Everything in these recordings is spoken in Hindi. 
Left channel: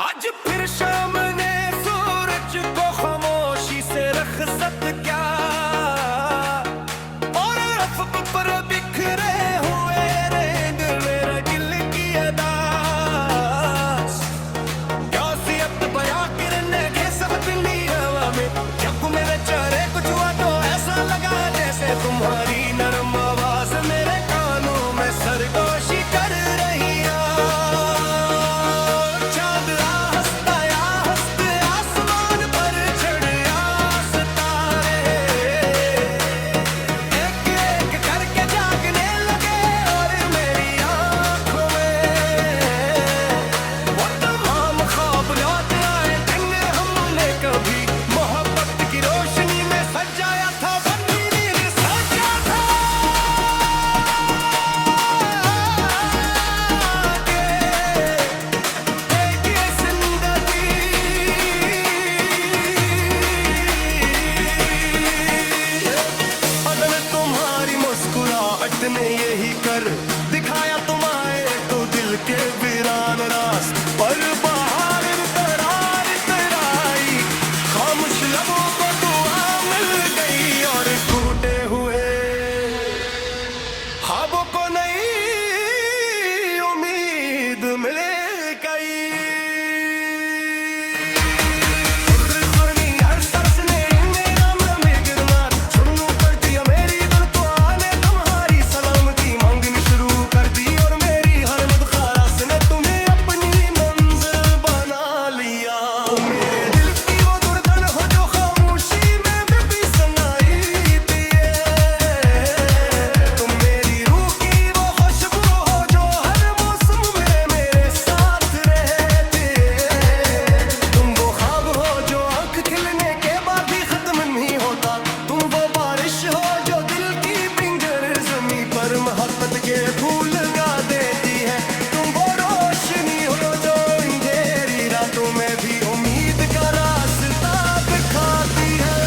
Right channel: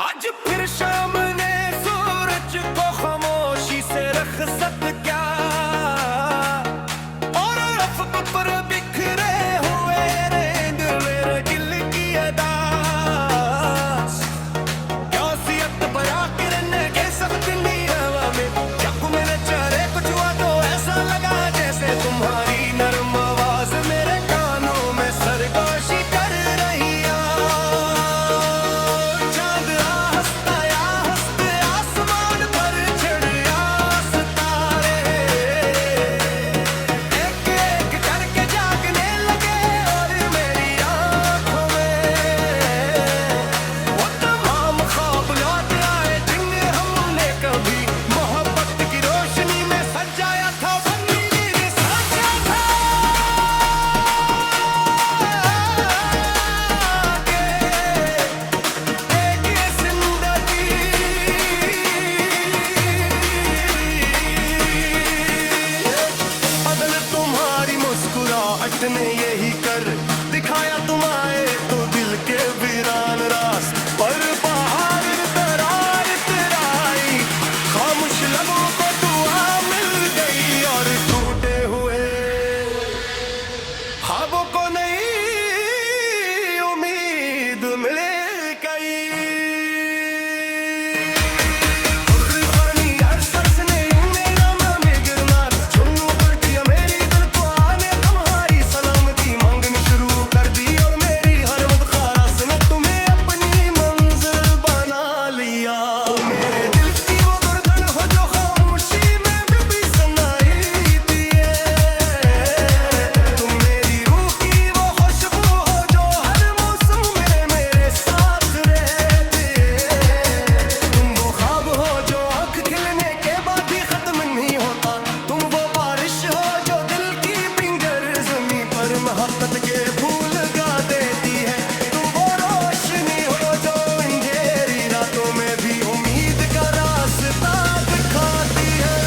आज फिर शाम ने सूरज को खामोशी से रखसत क्या, और अफ़क़ पर बिखरे हुए रेंद मेरे दिल की अदास। क्या सियत बया किरने के सब दिली हवा में, जब मेरे चेहरे को छुआ तो ऐसा लगा जैसे तुम्हारी नरम आवाज मेरे कानों में सरगोशी कर रही है। मुस्कुराहट ने यही कर दिखाया तुम आए तो दिल के वीरान रास पर बाहर दरार तराई, खामोश लबों को दुआ मिल गई और टूटे हुए ख्वाबों को नई उम्मीद मिल गई। मोहब्बत के फूल गा देती है, तुम वो रोशनी हो जो अंधेरी रातों में भी उम्मीद का रास्ता दिखाती है।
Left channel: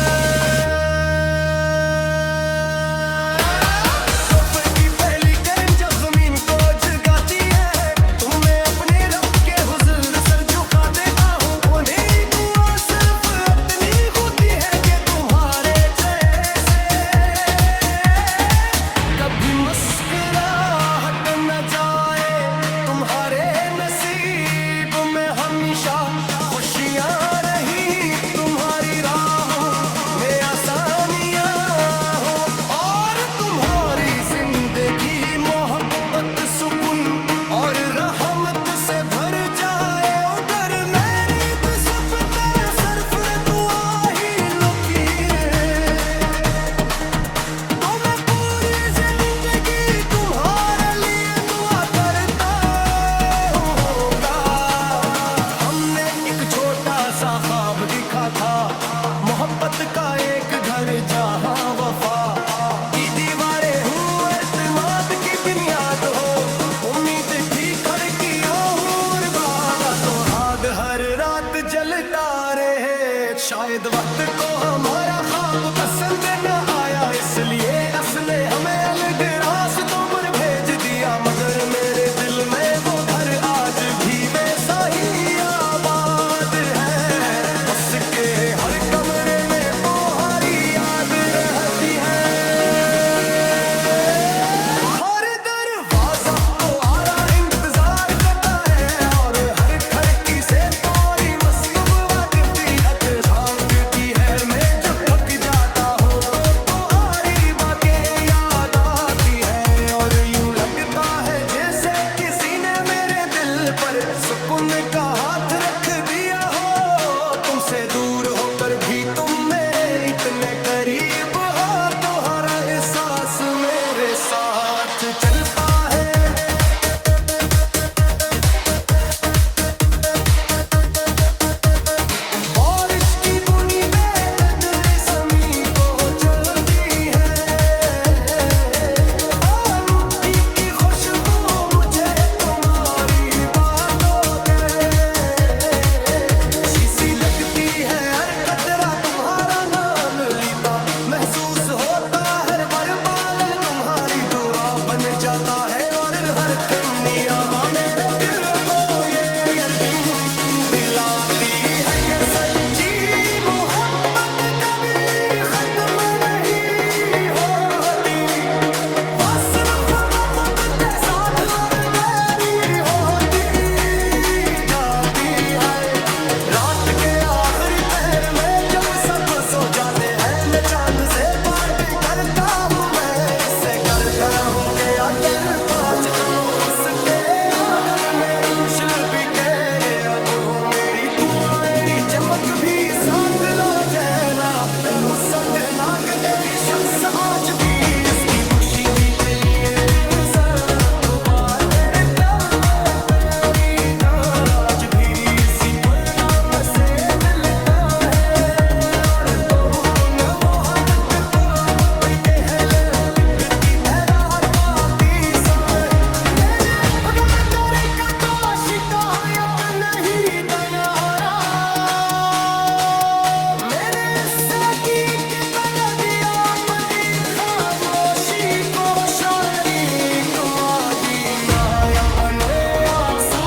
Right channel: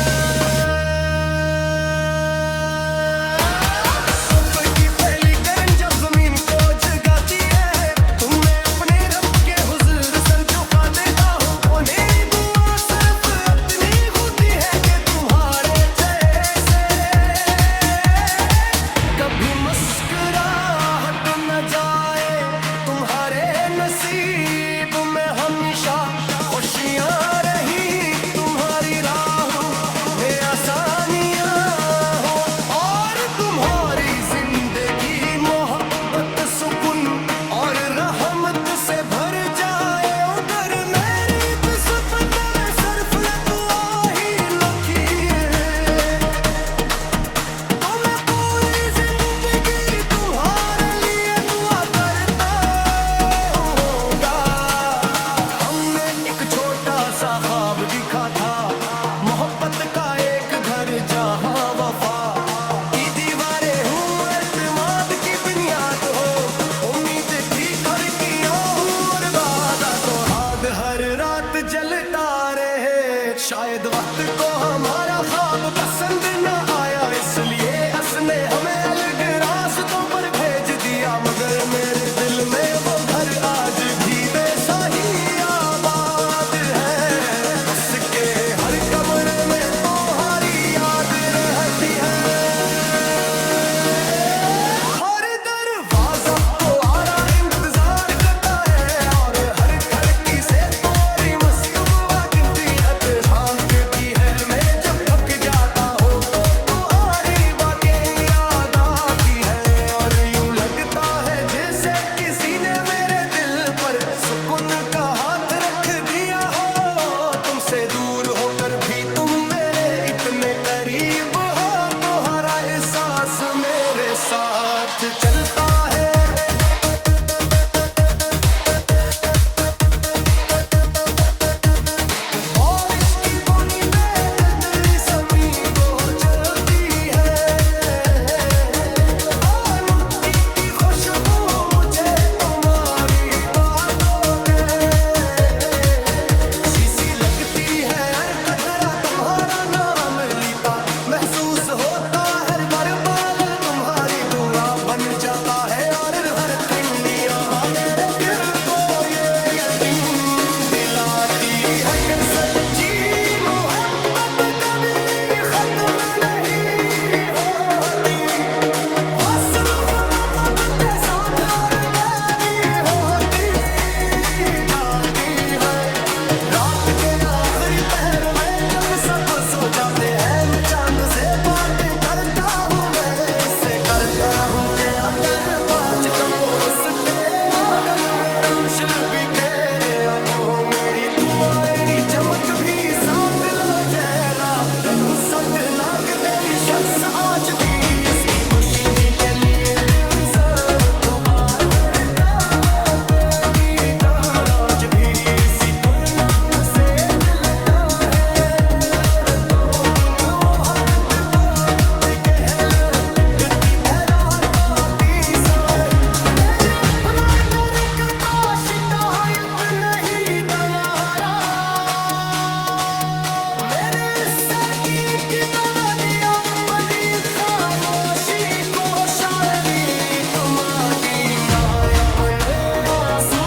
सुबह की पहली किरण जब जमीन को जगाती है, तुम्हें अपने रब के हुजूर सर झुका देता हूँ। वो मेरी दुआ सिर्फ इतनी होती है कि तुम्हारे जैसे कभी मुस्कुराहट न जाए, तुम्हारे नसीब में हमेशा खुशियाँ रही, तुम्हारी राहों में आसानियाँ हो और तुम्हारी जिंदगी मोहब्बत सुकून और रहमत से भर जाए। उधर मेरी तो सब तेरे सरफ दुआ ही लुकी है, तो मैं पूरी जिंदगी तुम्हारे लिए दुआ करता होगा। हमने एक छोटा सा ख्वाब देखा था, मोहब्बत का एक घर जहाँ वफा की दीवारें हूँ, एतमाद की बुनियाद हो, उम्मीद की खिड़कियाँ हूँ और वादा तो याद हर रात जलता रहे। शायद वक्त को हमारा ख्वाब पसंद न आया, इसलिए उसने हमें अलग रास्तों पर भेज दिया, मगर मेरे दिल में वो घर आज भी वैसा ही आबाद है। बस के हर कमरे में तुम्हारी याद रहती है, हर दरवाजा तुम्हारा इंतजार करता है और हर खिड़की से तुम्हारी मस्तूबात झांकती है। मैं जब थक जाता हूँ तो तुम्हारी बातें याद आती है और यूं लगता है जैसे किसी ने मेरे दिल पर सुकून का हाथ रख दिया हो। तुमसे दूर होकर भी तुम मेरे इतने करीब हो, तुम्हारा एहसास मेरे साथ चलता है। बारिश की बूंदी पे तितली ज़मीं को चलती है, आलूगी की खुशबू मुझे तुम्हारी बातों के शीशी लगती है, हर कतरा तुम्हारा नाम लेता महसूस होता, हर बार बाल तुम्हारी दुआ बन जाता है। उसके आंगन में रोशन भी तेरे ओ मेरी तुम्हारी चमक भी साथ ला जैला पसंद नाक तेरी शख्स आज भी इसकी खुशी भी के लिए दिल से तू बार मेरे पैरों पे भी ताराज भी इसी परिणाम से मिलता है और तो गुन मोहब्बत का कहल इतनी ठहरार पाती सोए मेरे अपना दर का तो शिकायत नहीं तनारा मेरे साथी की तरह दिया बड़ी खामोशी को शायरी तुम्हारी ना अपने आंसू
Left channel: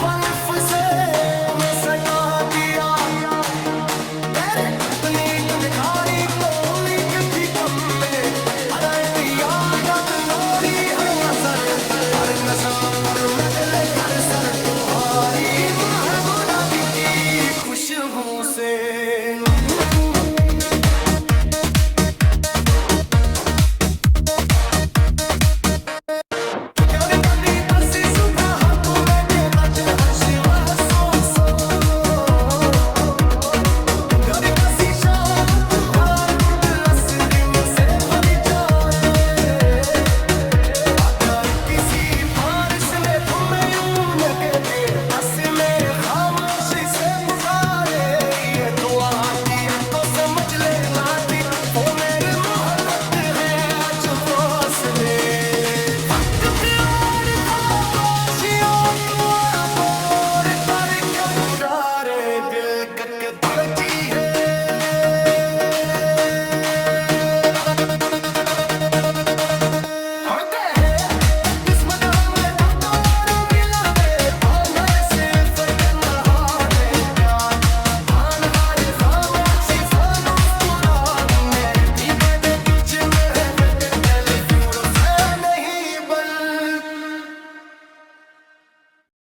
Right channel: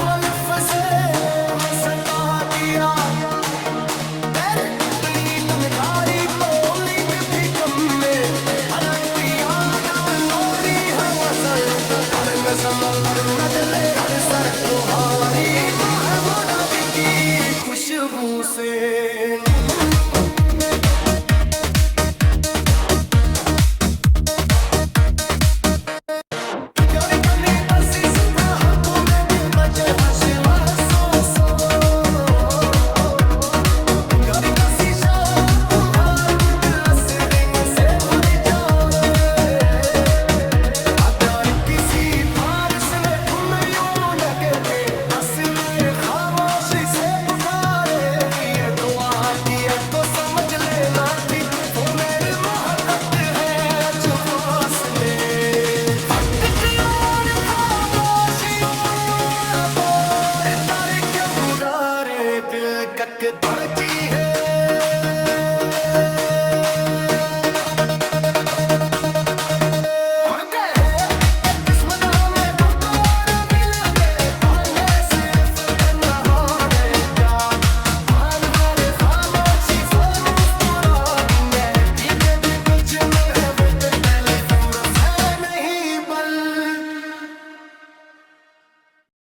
पलफ से मसका दिया तेरे अपनी तनकारी को लीक भी कम में अरे दिया कद नोरी हवा सर हर नस्ल पर नजले हर सर तुम्हारी महबूबा की खुशबू से